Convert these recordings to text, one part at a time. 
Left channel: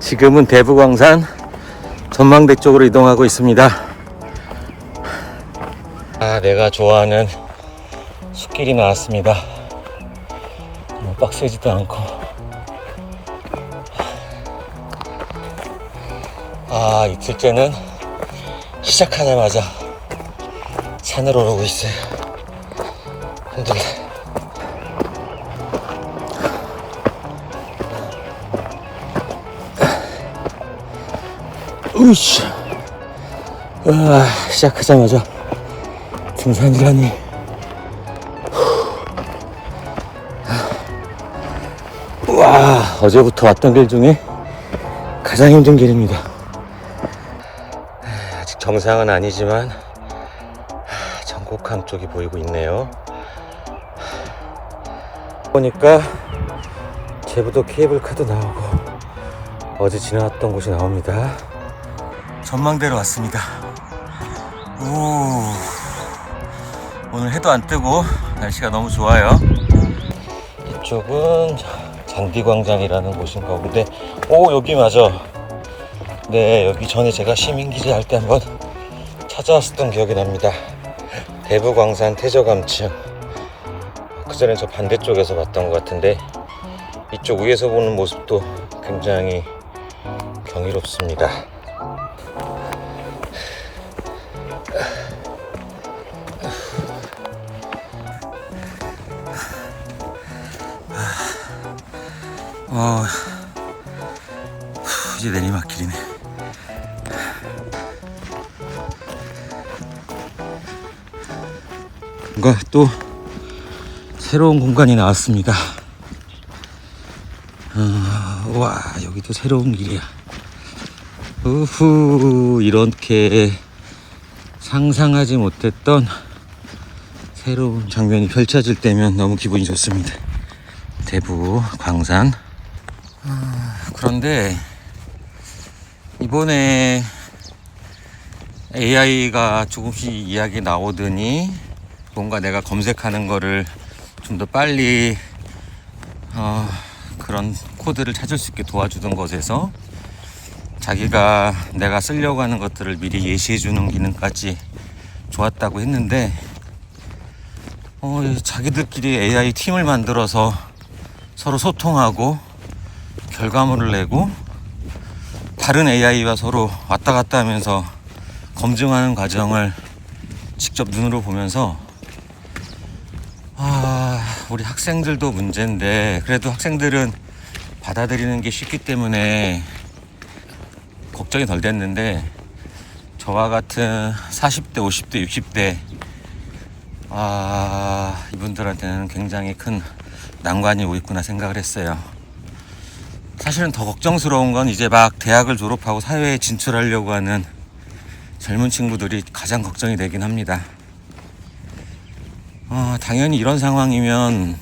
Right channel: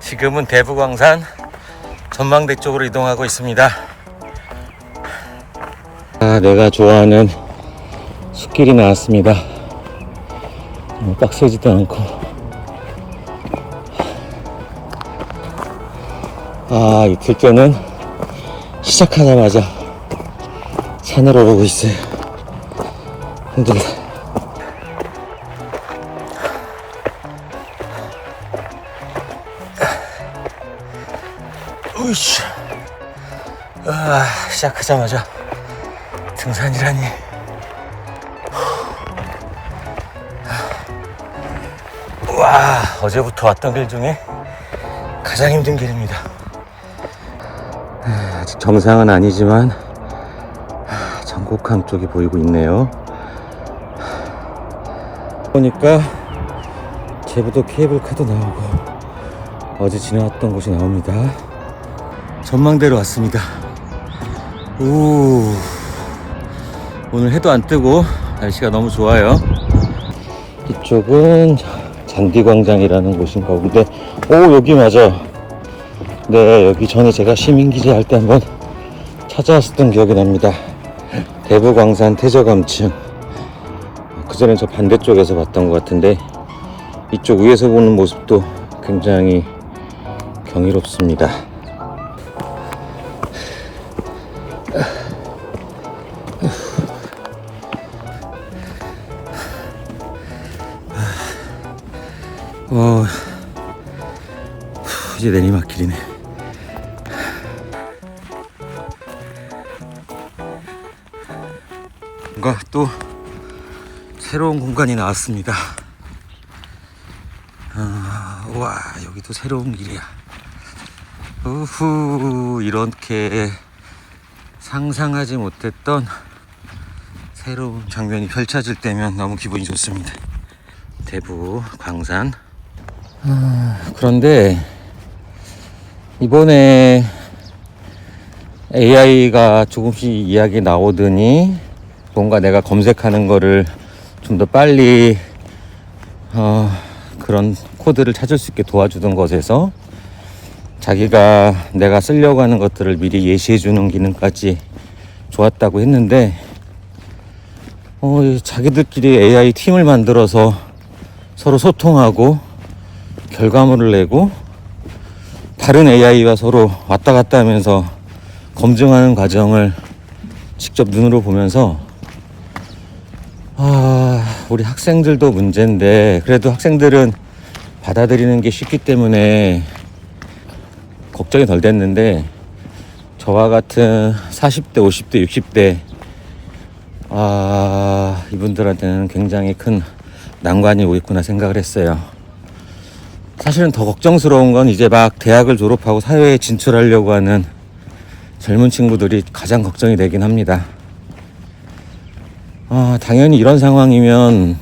지금은 대부광산 전망대 쪽으로 이동하고 있습니다. 내가 좋아하는 숲길이 나왔습니다. 빡세지도 않고. 이틀째는 시작하자마자 산을 오르고 있어요. 힘들다. 우씨. 시작하자마자 등산이라니. 와, 어제부터 왔던 길 중에 가장 힘든 길입니다. 아직 정상은 아니지만 전곡항 쪽이 보이고 있네요. 보니까 제부도 케이블카도 나오고 어제 지나왔던 곳이 나옵니다. 전망대로 왔습니다. 오늘 해도 안 뜨고 날씨가 너무 좋아요. 이쪽은 잔디광장이라는 곳인가 본데, 여기 맞아요. 네, 여기 전에 제가 시민기지 할 때 한번 찾아왔었던 기억이 납니다. 대부광산 태저감층. 그전엔 저 반대쪽에서 봤던 것 같은데, 이쪽 위에서 보는 모습도 굉장히 경이롭습니다. 이제 내리막길이네. 뭔가 또 새로운 공간이 나왔습니다. 와, 여기도 새로운 길이야. 이렇게 상상하지 못했던 새로운 장면이 펼쳐질 때면 너무 기분이 좋습니다. 대부 광산. 그런데 이번에 AI가 조금씩 이야기 나오더니 뭔가 내가 검색하는 거를 좀 더 빨리 그런 코드를 찾을 수 있게 도와주던 것에서 자기가 내가 쓰려고 하는 것들을 미리 예시해 주는 기능까지 좋았다고 했는데, 자기들끼리 AI 팀을 만들어서 서로 소통하고 결과물을 내고 다른 AI와 서로 왔다 갔다 하면서 검증하는 과정을 직접 눈으로 보면서 우리 학생들도 문제인데, 그래도 학생들은 받아들이는 게 쉽기 때문에 걱정이 덜 됐는데, 저와 같은 40대, 50대, 60대 이분들한테는 굉장히 큰 난관이 오겠구나 생각을 했어요. 사실은 더 걱정스러운 건 이제 막 대학을 졸업하고 사회에 진출하려고 하는 젊은 친구들이 가장 걱정이 되긴 합니다. 당연히 이런 상황이면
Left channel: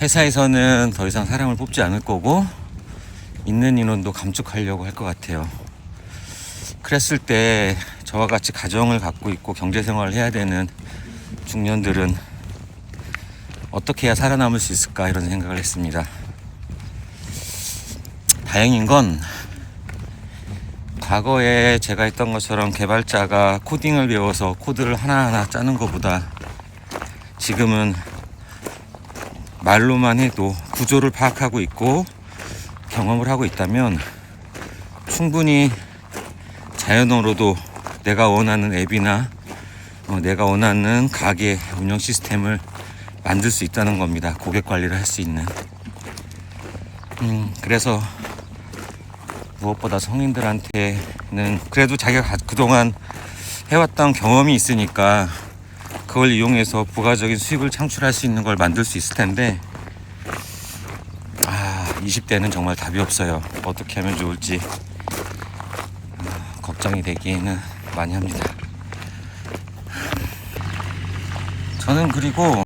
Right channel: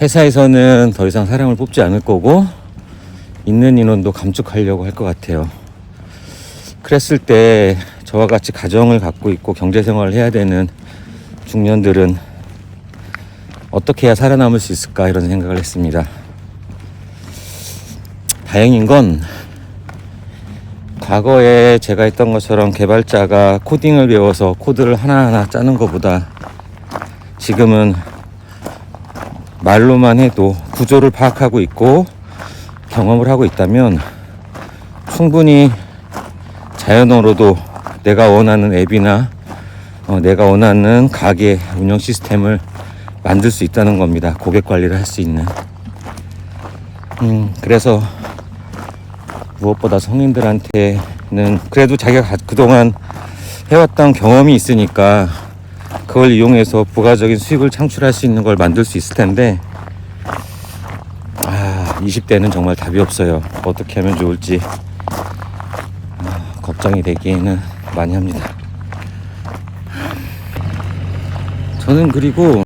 회사에서는 더 이상 사람을 뽑지 않을 거고 있는 인원도 감축하려고 할 것 같아요. 그랬을 때 저와 같이 가정을 갖고 있고 경제생활을 해야 되는 중년들은 어떻게 해야 살아남을 수 있을까, 이런 생각을 했습니다. 다행인 건 과거에 제가 했던 것처럼 개발자가 코딩을 배워서 코드를 하나하나 짜는 것보다 지금은 말로만 해도 구조를 파악하고 있고 경험을 하고 있다면 충분히 자연어로도 내가 원하는 앱이나 내가 원하는 가게 운영 시스템을 만들 수 있다는 겁니다. 고객 관리를 할 수 있는. 그래서 무엇보다 성인들한테는 그래도 자기가 그동안 해왔던 경험이 있으니까 그걸 이용해서 부가적인 수익을 창출할 수 있는 걸 만들 수 있을 텐데, 20대는 정말 답이 없어요. 어떻게 하면 좋을지 걱정이 되기는 많이 합니다. 저는 그리고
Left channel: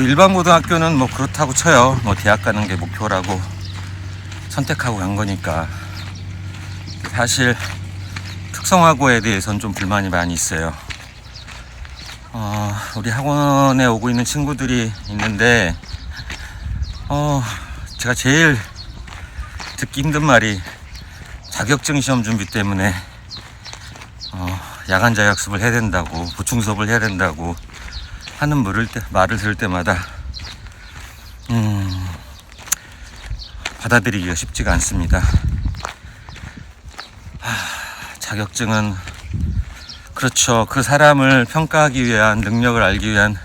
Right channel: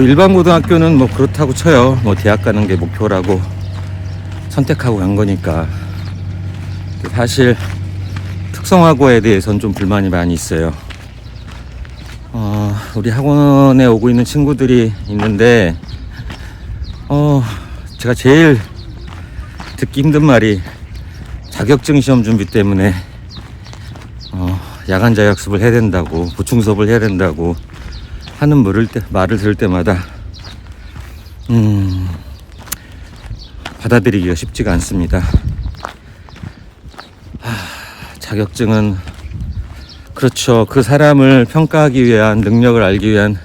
일반 고등학교는 그렇다고 쳐요. 대학 가는 게 목표라고 선택하고 간 거니까. 사실 특성화고에 대해서는 좀 불만이 많이 있어요. 우리 학원에 오고 있는 친구들이 있는데 제가 제일 듣기 힘든 말이 자격증 시험 준비 때문에 야간 자율학습을 해야 된다고, 보충 수업을 해야 된다고 하는 말을 들을 때마다 받아들이기가 쉽지가 않습니다. 자격증은 그렇죠. 그 사람을 평가하기 위한, 능력을 알기 위한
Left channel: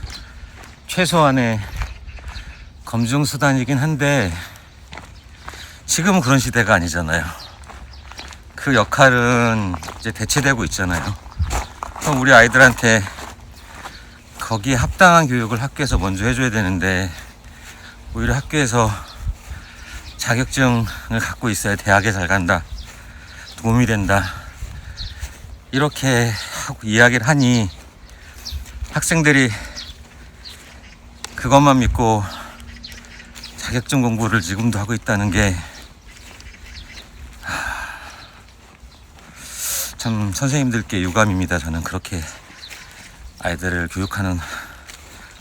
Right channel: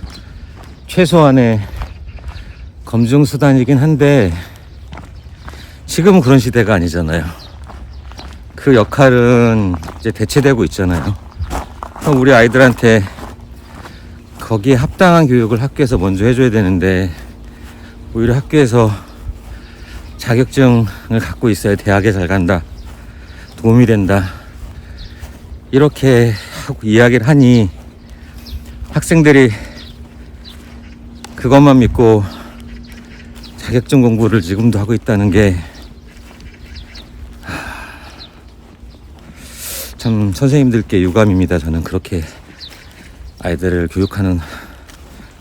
최소한의 검증 수단이긴 한데 지금은 그런 시대가 아니잖아요. 그 역할은 이제 대체되고 있잖아요. 우리 아이들한테 거기에 합당한 교육을 학교에서 먼저 해줘야 되는데 오히려 학교에서 자격증을 갖고 있어야 대학에 잘 간다, 도움이 된다, 이렇게 하고 이야기를 하니 학생들이 그것만 믿고 자격증 공부를 지금도 하고 있다는 게 참 선생님들께 유감입니다. 저는 그렇게 아이들을 교육하는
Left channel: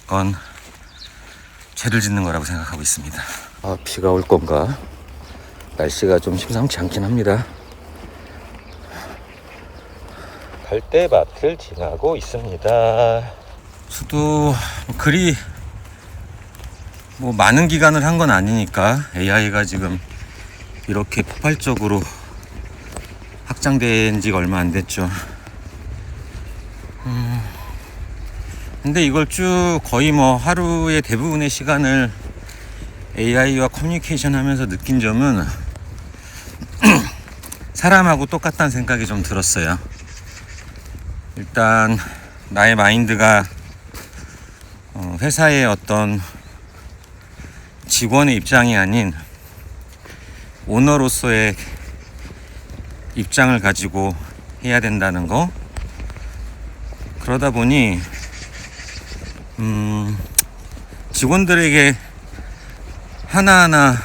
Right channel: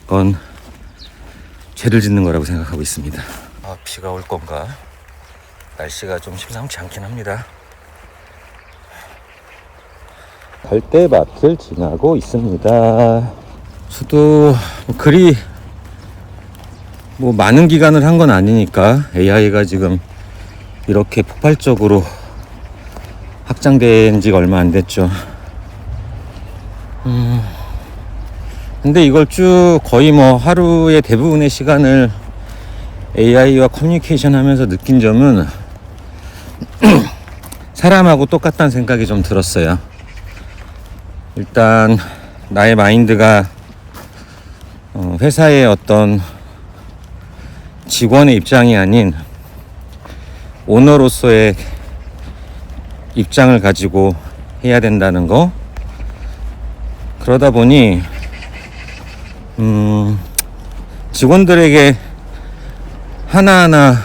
건 죄를 짓는 거라고 생각하고 있습니다. 비가 올 건가? 날씨가 좀 심상치 않긴 합니다. 갈대밭을 지나고 있습니다. 저도 그리 많은 기간을 한 건 아니니까 AI가 지금 이렇게 폭발적으로 확장된 지가 얼마 안 됐죠. 근데 이걸 쭉 거의 하루의 대부분의 시간을 AI와 커뮤니케이션 하면서 느낀 점은 사람하고 똑같다는 생각이 좀 들었어요. 일단 나의 마인드가 회사의 어떤 직원의 입장이 아닌 오너로서의 입장을 가지고 해야 된다는 거. 그러다 보니 직원들에게 하나하나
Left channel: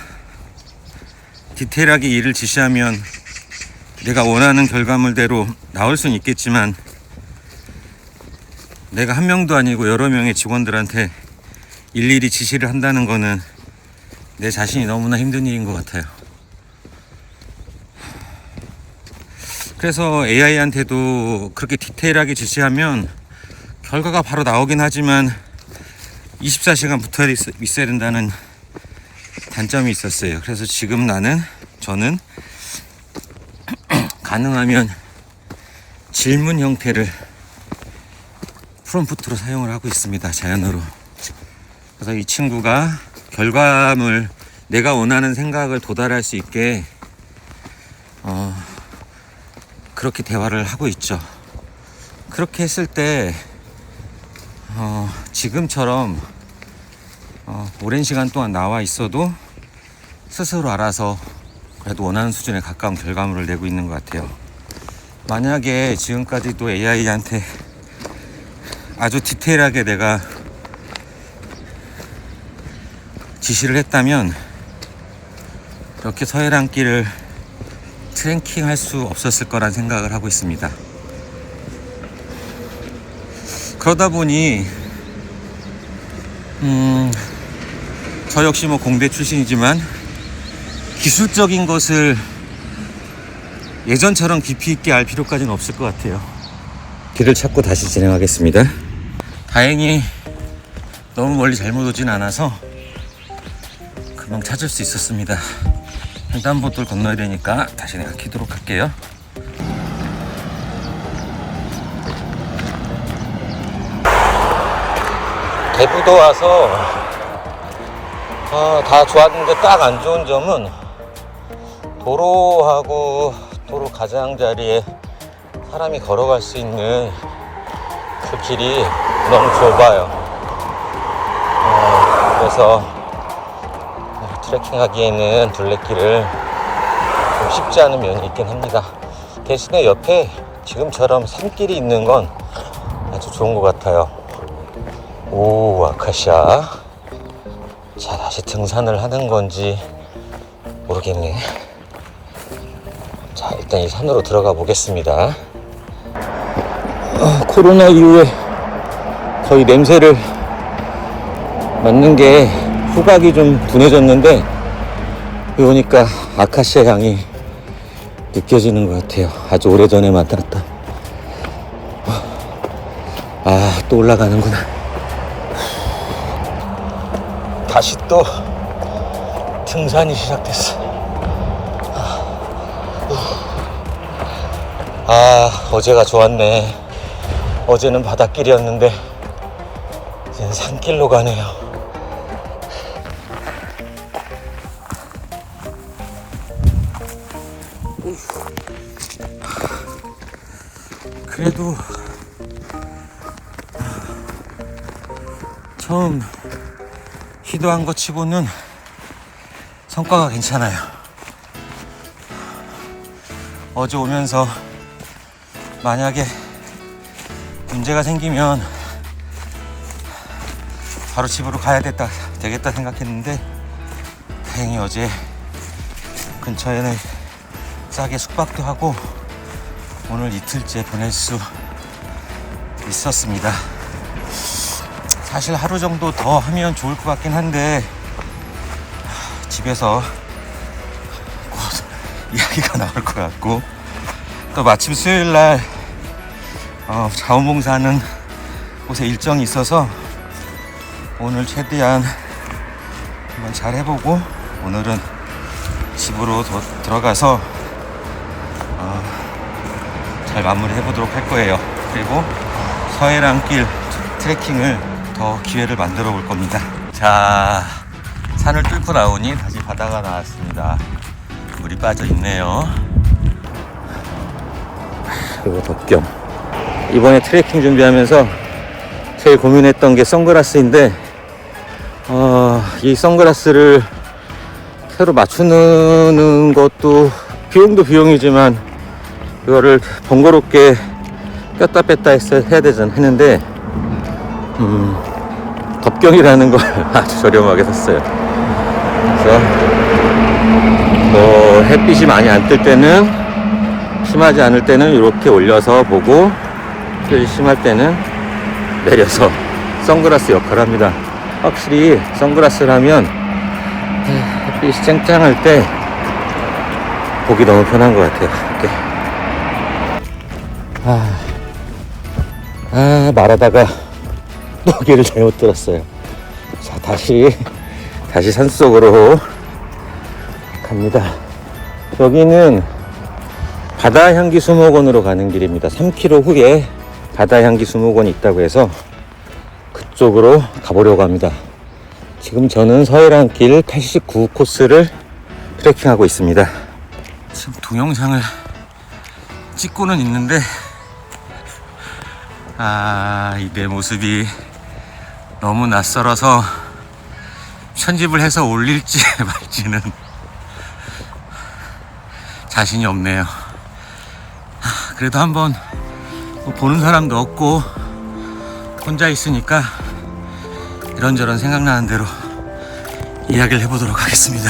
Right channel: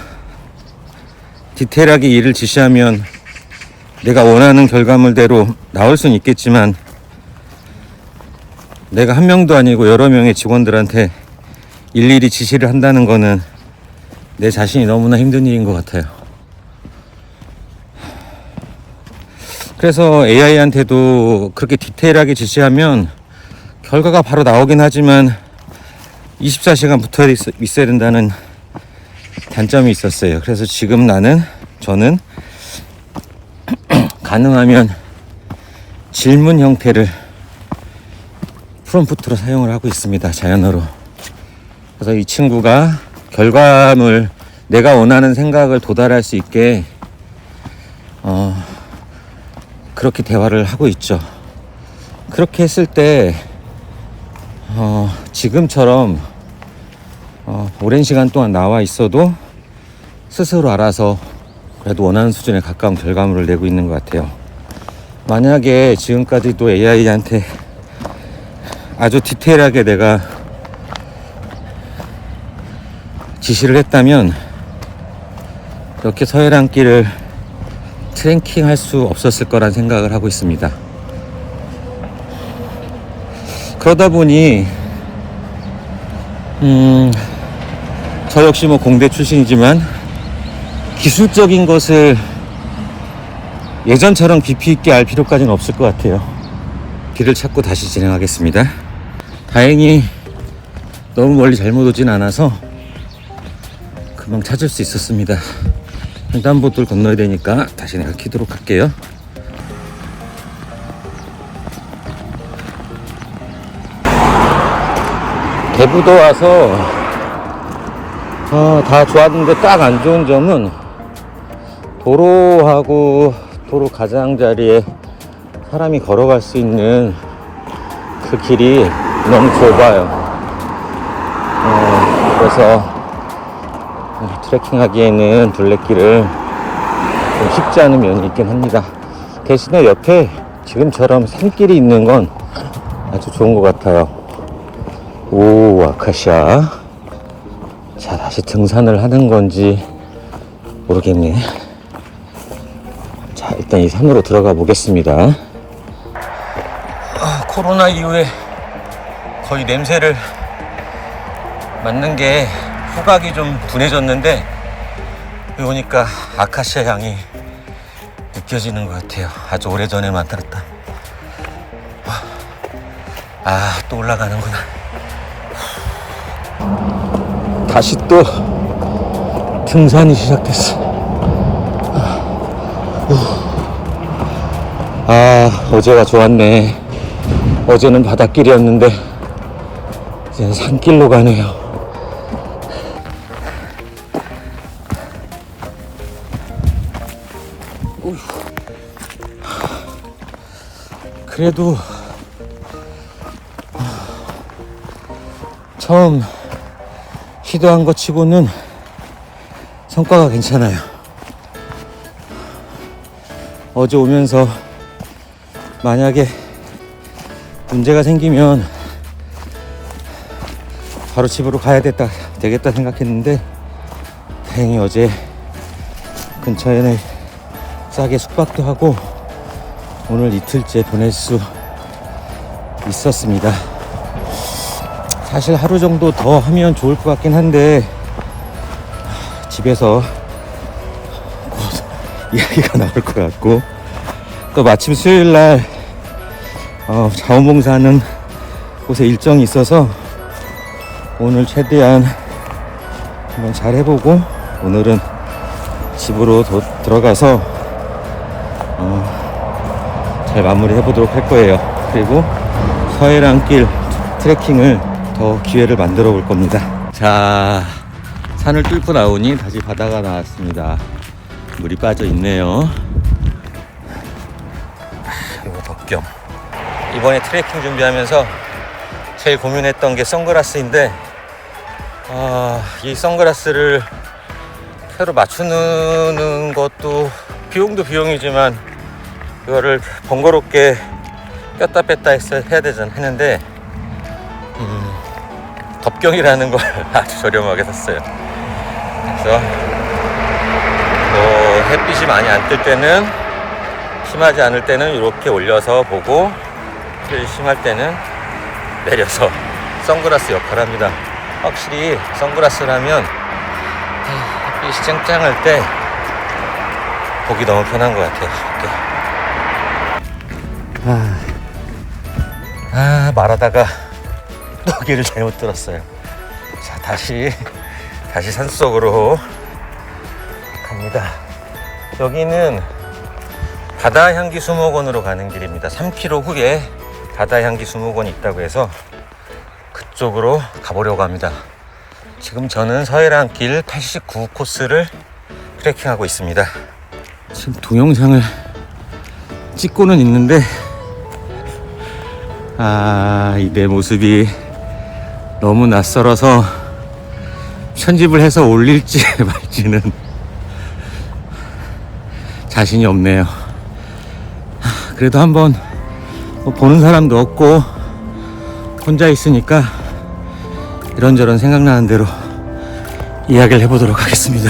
디테일하게 일을 지시하면 내가 원하는 결과물대로 나올 수는 있겠지만 내가 한 명도 아니고 여러 명의 직원들한테 일일이 지시를 한다는 거는 내 자신이 너무나 힘든 일인 것 같아요. 그래서 AI한테도 그렇게 디테일하게 지시하면 결과가 바로 나오긴 하지만 24시간 붙어 있어야 된다는 단점이 있었어요. 그래서 지금 저는 가능하면 질문 형태를 프롬프트로 사용을 하고 있습니다. 자연어로. 그래서 이 친구가 결과물, 내가 원하는 생각을 도달할 수 있게 그렇게 대화를 하고 있죠. 그렇게 했을 때 지금처럼 오랜 시간 동안 나와 있어도 스스로 알아서 그래도 원하는 수준에 가까운 결과물을 내고 있는 것 같아요. 만약에 지금까지도 AI한테 아주 디테일하게 내가 지시를 했다면 이렇게 서해랑길을 트랭킹 할 수 없었을 거란 생각을 하고 있습니다. 그러다 보니 저 역시 공대 출신이지만 기술적인 것을 예전처럼 깊이 있게 알 필요까지는 없을 것 같아요. 길을 찾고 다시 진행하겠습니다. 다행히 너무 멀리 잘못 오진 않아서 금방 찾을 수 있었습니다. 횡단보도를 건너야 되니까 다시 내가 키도록 할게요. 대부도 와서 다 좋았는데 딱 안 좋은 점은 도로하고 도로 가장자리에 사람이 걸어갈 수 있는 그 길이 너무 좁아요. 그래서 트레킹하기에는 둘레길을 좀 쉽지 않은 면이 있긴 합니다. 대신에 옆에 지금처럼 산길이 있는 건 아주 좋은 것 같아요. 오, 아카시아. 자, 다시 등산을 하는 건지 모르겠네. 자, 일단 이 산으로 들어가 보겠습니다. 코로나 이후에 거의 냄새를 맡는 게 후각이 좀 둔해졌는데 여기 오니까 아카시아 향이 느껴지는 것 같아요. 아주 오래전에 만들었던. 아, 또 올라가는구나. 다시 또 등산이 시작됐어. 아, 어제가 좋았네. 어제는 바닷길이었는데 이제는 산길로 가네요. 그래도 처음 시도한 것 치고는 성과가 괜찮아요. 어제 오면서 만약에 문제가 생기면 바로 집으로 가야 되겠다 생각했는데 다행히 어제 근처에는 싸게 숙박도 하고 오늘 이틀째 보낼 수 있었습니다. 사실 하루 정도 더 하면 좋을 것 같긴 한데 집에서 곧 이야기가 나올 것 같고 또 마침 수요일날 자원봉사하는 곳에 일정이 있어서 오늘 최대한 한번 잘 해보고 오늘은 집으로 들어가서 잘 마무리 해보도록 할 거예요. 그리고 서해랑길 트레킹을 더 기회를 만들어 볼 겁니다. 자, 산을 뚫고 나오니 다시 바다가 나왔습니다. 물이 빠져 있네요. 그리고 덕경. 이번에 트레킹 준비하면서 제일 고민했던 게 선글라스인데 이 선글라스를 새로 맞추는 것도 비용도 비용이지만 이거를 번거롭게 꼈다 뺐다 했는데 덕경이라는 걸 아주 저렴하게 샀어요. 그래서 햇빛이 많이 안 뜰 때는, 심하지 않을 때는 이렇게 올려서 보고 햇빛이 심할 때는 내려서 선글라스 역할을 합니다. 확실히 선글라스라면 햇빛이 쨍쨍할 때 보기 너무 편한 것 같아요. 이렇게. 말하다가 노기를 잘못 들었어요. 자, 다시 산속으로 갑니다. 여기는 바다향기 수목원으로 가는 길입니다. 3km 후에 바다향기 수목원이 있다고 해서 그쪽으로 가보려고 합니다. 지금 저는 서해랑길 89 코스를 트레킹하고 있습니다. 지금 동영상을 찍고는 있는데 내 모습이 너무 낯설어서 편집을 해서 올릴지 말지는 자신이 없네요. 그래도 한번 보는 사람도 없고 혼자 있으니까 이런저런 생각나는 대로 이야기를 해보도록 하겠습니다.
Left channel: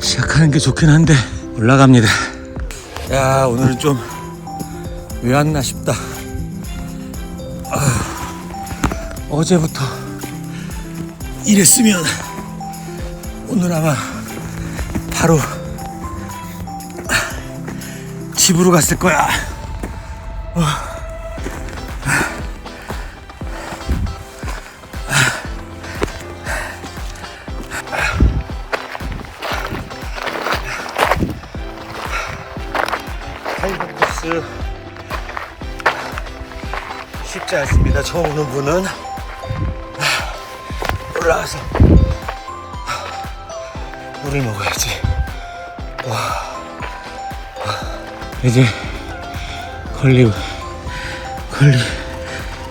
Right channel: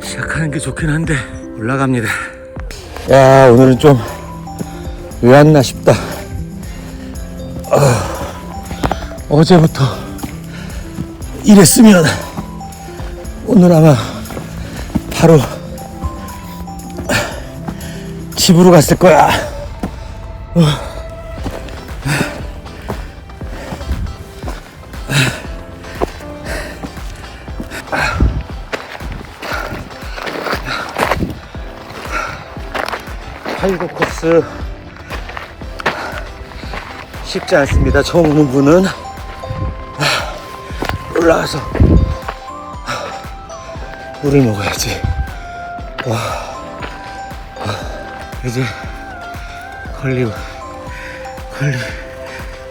시작하는 게 좋긴 한데 올라갑니다. 야, 오늘은 좀 왜 왔나 싶다. 어제부터 이랬으면 오늘 아마 바로 집으로 갔을 거야. 팔구 코스 쉽지 않습니다. 처음 오는 분은 올라와서 물을 먹어야지. 이제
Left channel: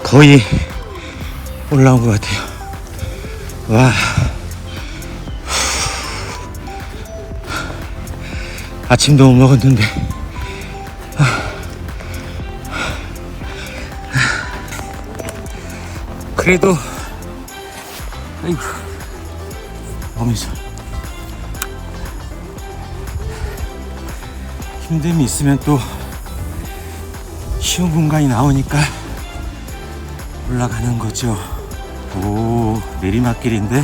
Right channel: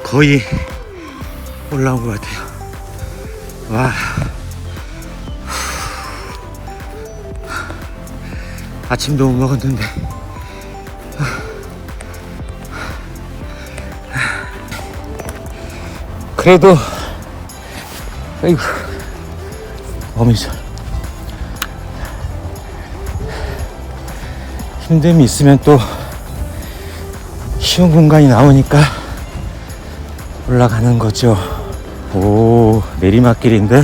거의 올라온 것 같아요. 와, 아침도 못 먹었는데 그래도 아이고 어미죠. 힘듦이 있으면 또 쉬운 공간이 나오니까 올라가는 거죠. 오, 내리막길인데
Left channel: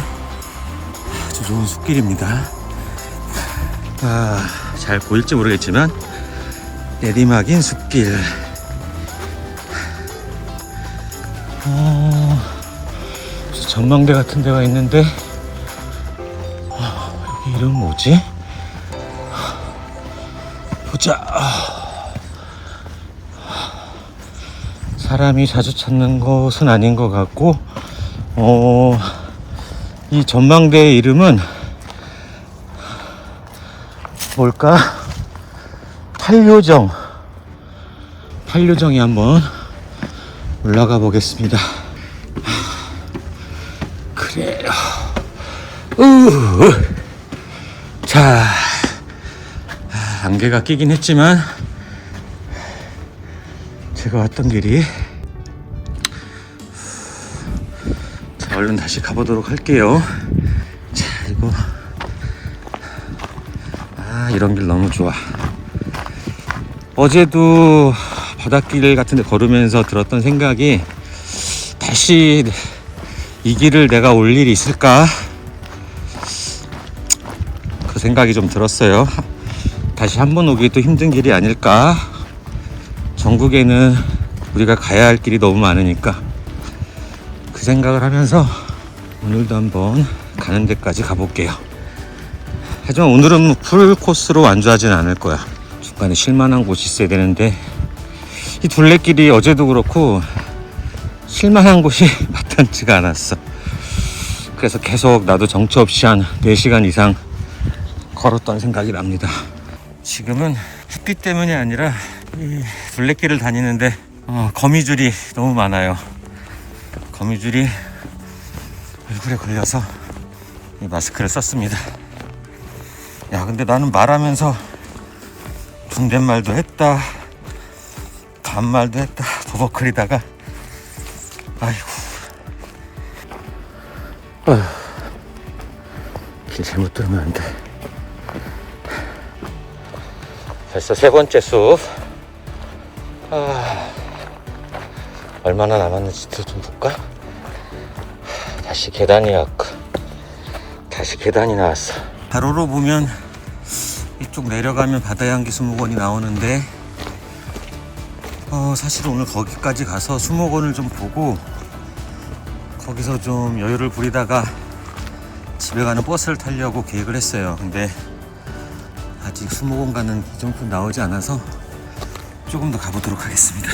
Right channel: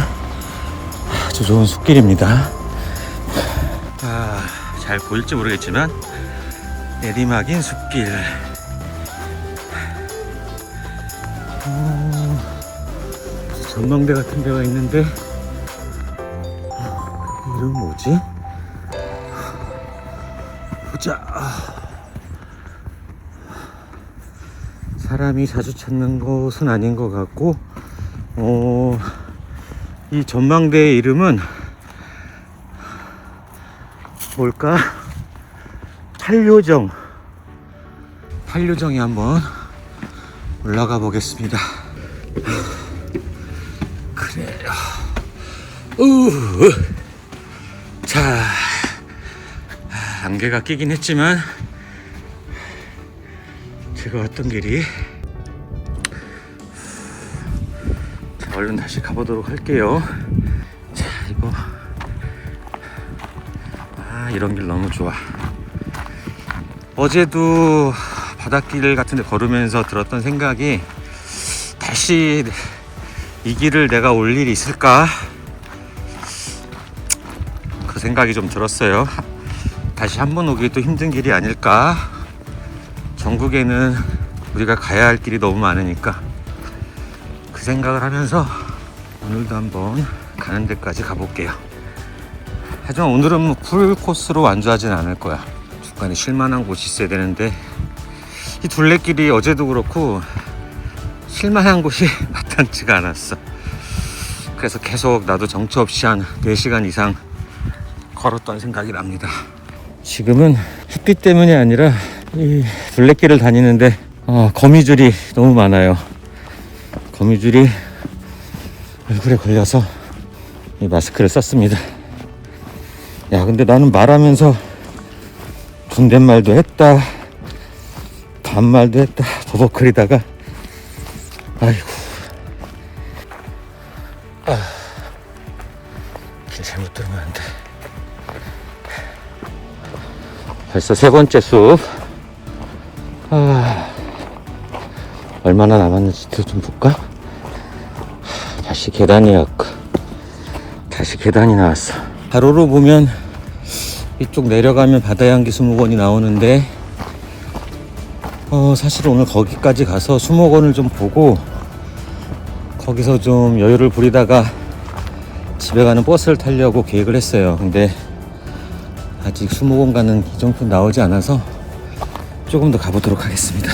아주 좋은 숲길입니다. 잘 보일지 모르겠지만 내리막인 숲길. 전망대 같은 데가 있는데 여기 이름 뭐지? 보자. 사람이 자주 찾는 곳은 아닌 것 같고, 이 전망대의 이름은 뭘까? 팔요정이 한번 올라가 보겠습니다. 그래요. 자, 안개가 끼긴 했지만 제가 왔던 길이. 자, 얼른 다시 가보도록 할게요. 자, 이거 이런 길 너무 좋아. 어제도 바닷길 같은 데 걸으면서 들었던 생각이, 다시 이 길을 내가 올 일이 있을까? 그 생각이 좀 들었어요. 다시 한 번 오기 또 힘든 길이 아닐까? 전국에는 우리가 가야 할 길이 너무 많으니까 그 생각을 하면서 오늘도 한번 가는 데까지 가볼게요. 하지만 오늘은 풀 코스로 완주하진 않을 거야. 중간에 쉴만한 곳이 있어야 되는데, 이 둘레길이 어제도 그렇고 쉴만한 곳이 마땅치가 않았어. 그래서 계속 나도 정처 없이 한 4시간 이상 걸었던 생각이 납니다. 지금은 햇빛 때문이 아니라 이 둘레길을 다니는데 거미줄이 너무 많아요. 거미줄이 얼굴에 걸려서 이 마스크를 썼습니다. 야, 근데 나는 말하면서 존댓말도 했다, 반말도 했다, 버벅거리다가 아이고, 길 잘못 들으면 안 돼. 벌써 4번째 수업. 얼마나 남았는지 길 좀 볼까? 다시 계단이 나왔어. 가로로 보면 이쪽 내려가면 바다향기 수목원이 나오는데, 사실 오늘 거기까지 가서 수목원을 좀 보고 거기서 좀 여유를 부리다가 집에 가는 버스를 타려고 계획을 했어요. 근데 아직 수목원 가는 기종표 나오지 않아서 조금 더 가보도록 하겠습니다.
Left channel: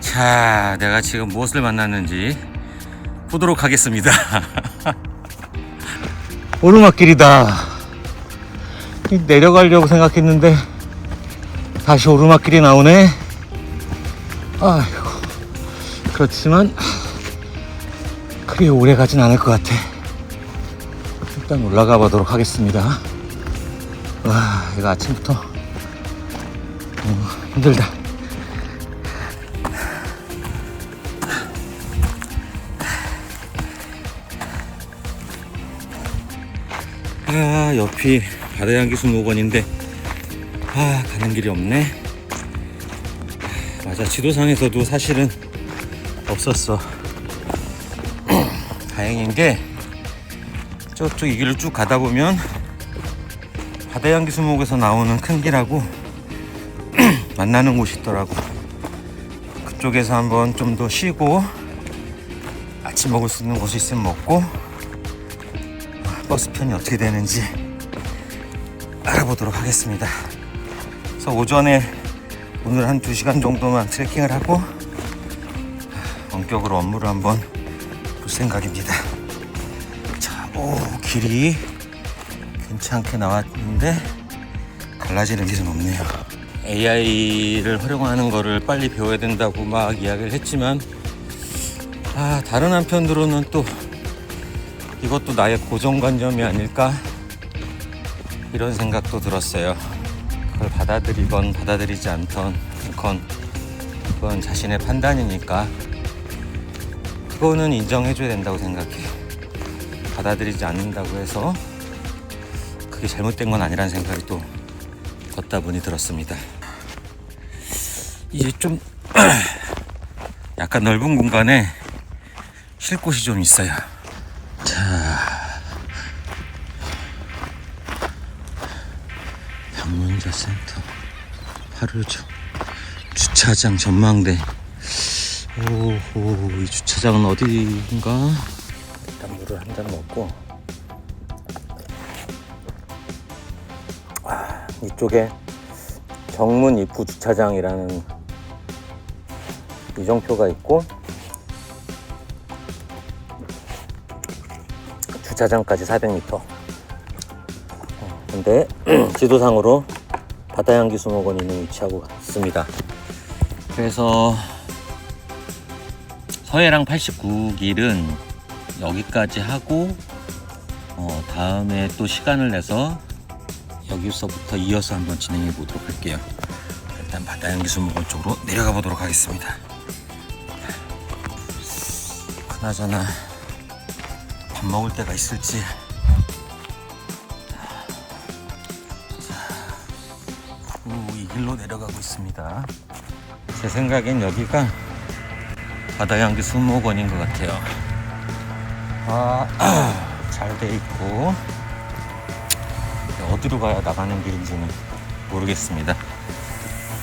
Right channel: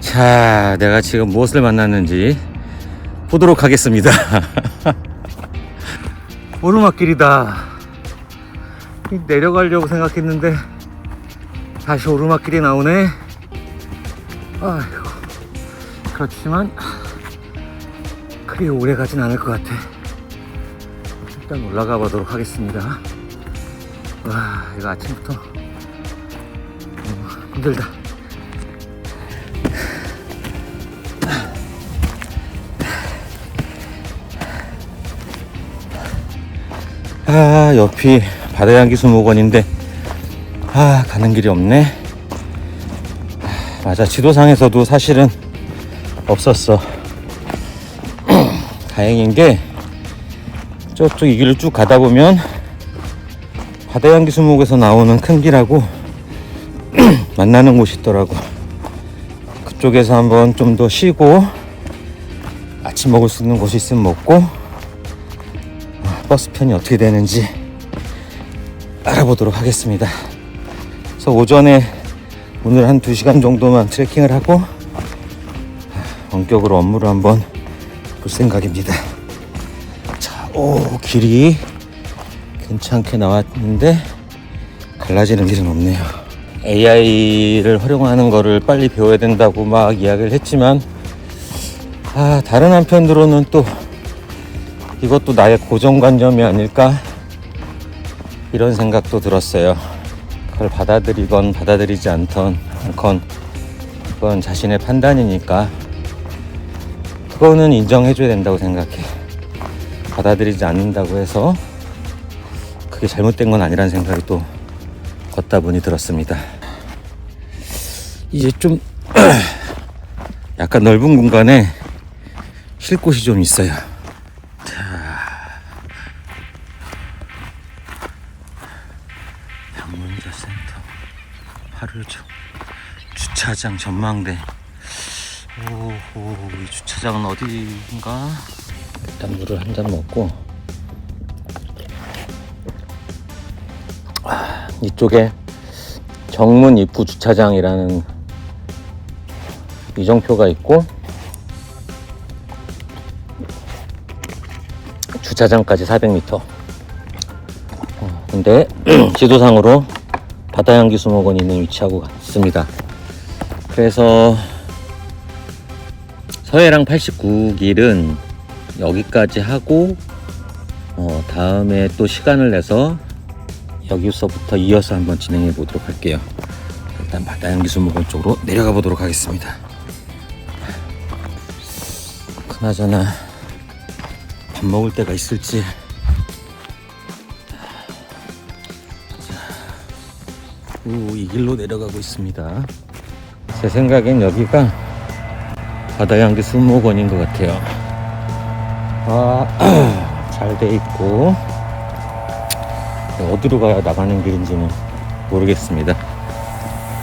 자, 내가 지금 무엇을 만났는지 보도록 하겠습니다. 오르막길이다. 내려가려고 생각했는데 다시 오르막길이 나오네. 아이고, 그렇지만 그리 오래 가진 않을 것 같아. 일단 올라가 보도록 하겠습니다. 와, 이거 아침부터 힘들다. 옆이 바다향기 수목원인데 가는 길이 없네. 맞아, 지도상에서도 사실은 없었어. 다행인 게 저쪽 이 길을 쭉 가다 보면 바다향기 수목에서 나오는 큰 길하고 만나는 곳이 있더라고. 그쪽에서 한번 좀 더 쉬고 아침 먹을 수 있는 곳이 있으면 먹고 버스편이 어떻게 되는지 알아보도록 하겠습니다. 그래서 오전에 오늘 한 2시간 정도만 트레킹을 하고 본격으로 업무를 한번 볼 생각입니다. 자, 길이 괜찮게 나왔는데 갈라지는 일은 없네요. AI를 활용하는 거를 빨리 배워야 된다고 막 이야기를 했지만 다른 한편으로는 또 이것도 나의 고정관념이 아닐까, 이런 생각도 들었어요. 그걸 받아들이건 받아들이지 않건 그건 자신의 판단이니까 그거는 인정해줘야 된다고 생각해. 받아들이지 않는다고 해서 그게 잘못된 건 아니라는 생각이 또 걷다 보니 들었습니다. 이제 좀 약간 넓은 공간에 쉴 곳이 좀 있어요. 자, 방문자 센터 하루죠. 주차장 전망대. 오호, 이 주차장은 어디인가? 일단 물을 한 잔 먹고, 이쪽에 정문 입구 주차장이라는 이정표가 있고, 주차장까지 400m. 근데 지도상으로 바다향기 수목원이 있는 위치하고 있습니다. 그래서 서해랑 89길은 여기까지 하고 다음에 또 시간을 내서 여기서부터 이어서 한번 진행해 보도록 할게요. 일단 바다향기 수목원 쪽으로 내려가 보도록 하겠습니다. 그나저나 밥 먹을 데가 있을지. 이 길로 내려가고 있습니다. 제 생각엔 여기가 바다향기 수목원인 것 같아요. 잘 돼 있고, 어디로 가야 나가는 길인지는 모르겠습니다.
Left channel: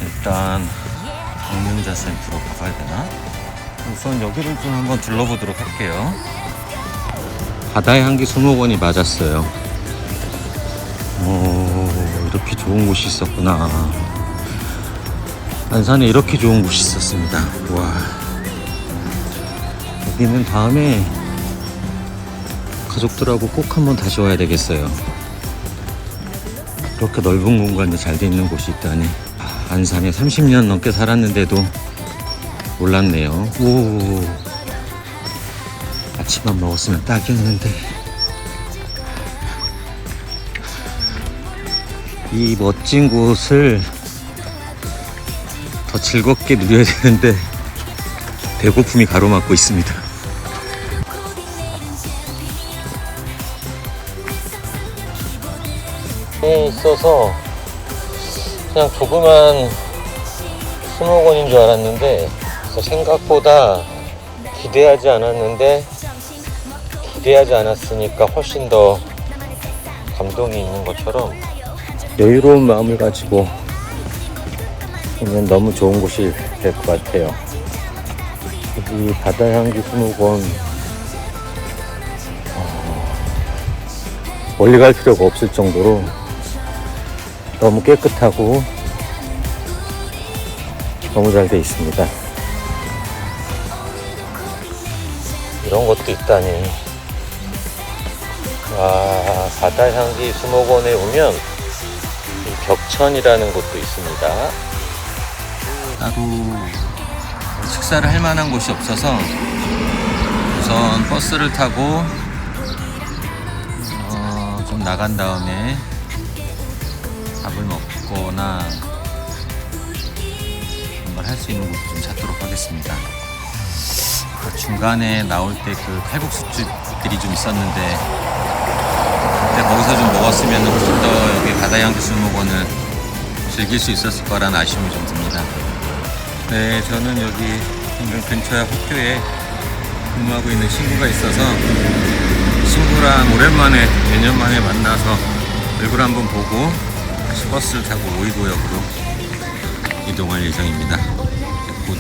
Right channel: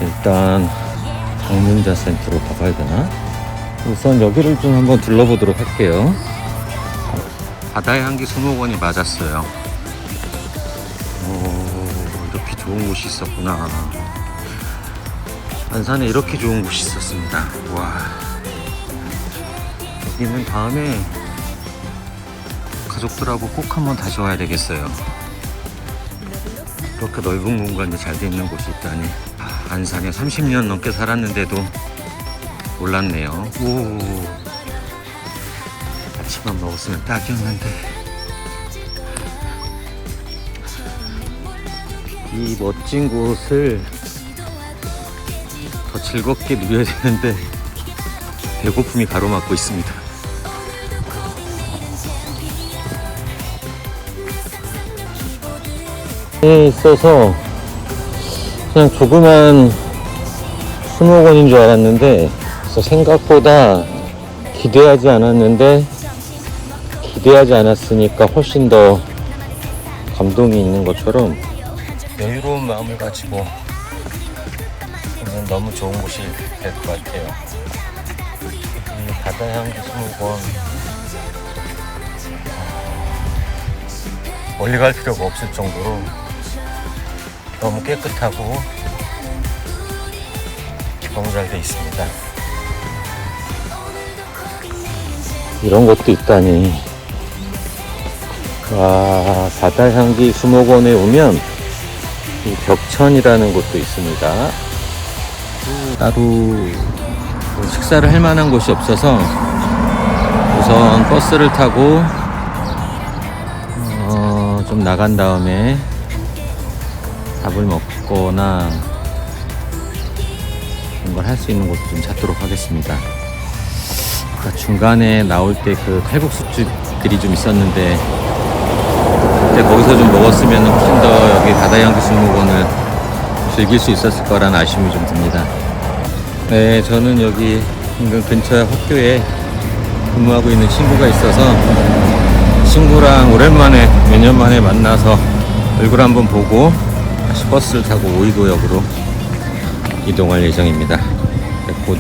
일단 방문자 센터로 가봐야 되나? 우선 여기를 좀 한번 둘러보도록 할게요. 바다향기 수목원이 맞았어요. 이렇게 좋은 곳이 있었구나. 안산에 이렇게 좋은 곳이 있었습니다. 와, 여기는 다음에 가족들하고 꼭 한번 다시 와야 되겠어요. 그렇게 넓은 공간이 잘 돼 있는 곳이 있다니. 안산에 30년 넘게 살았는데도 몰랐네요. 오, 아침만 먹었으면 딱이었는데. 이 멋진 곳을 더 즐겁게 누려야 되는데 배고픔이 가로막고 있습니다. 에 있어서 그냥 조그만 수목원인 줄 알았는데 생각보다 기대하지 않았으니까 훨씬 더 감동이 있는 것처럼 여유로운 마음을 가지고 오면 너무 좋은 곳이 될 것 같아요. 이 바다향기 수목원 멀리 갈 필요가 없을 정도로 너무 깨끗하고 너무 잘 되어 있습니다. 이런 것도 있다니. 바다향기 수목원에 오면 벽천이라는 곳도 있습니다. 따로 식사를 할 만한 곳이 없어서 우선 버스를 타고 좀 나간 다음에 밥을 먹거나 뭔가를 할 수 있는 곳 좀 찾도록 하겠습니다. 중간에 나올 때 그 칼국수집들이 좀 있었는데 그때 거기서 좀 먹었으면 훨씬 더 여기 바다향기 수목원을 즐길 수 있었을 거라는 아쉬움이 좀 듭니다. 네, 저는 여기 인근 근처 학교에 근무하고 있는 친구가 있어서 친구랑 오랜만에 몇 년 만에 만나서 얼굴 한번 보고 다시 버스를 타고 오이도역으로 이동할 예정입니다. 곧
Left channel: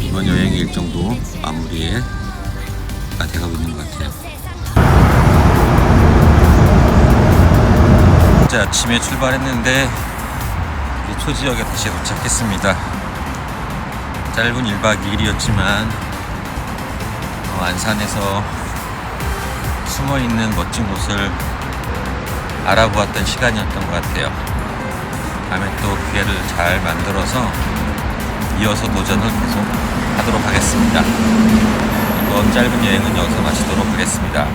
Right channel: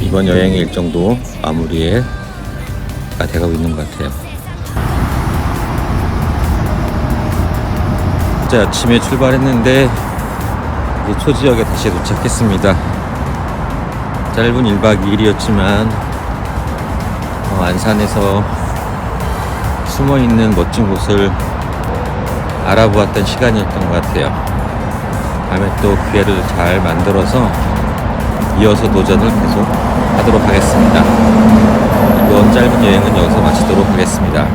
이번 여행의 일정도 마무리가 돼가고 있는 것 같아요. 어제 아침에 출발했는데 이제 초지역에 다시 도착했습니다. 짧은 1박 2일이었지만 안산에서 숨어있는 멋진 곳을 알아보았던 시간이었던 것 같아요. 다음에 또 기회를 잘 만들어서 이어서 도전을 계속 하도록 하겠습니다. 이번 짧은 여행은 여기서 마치도록 하겠습니다.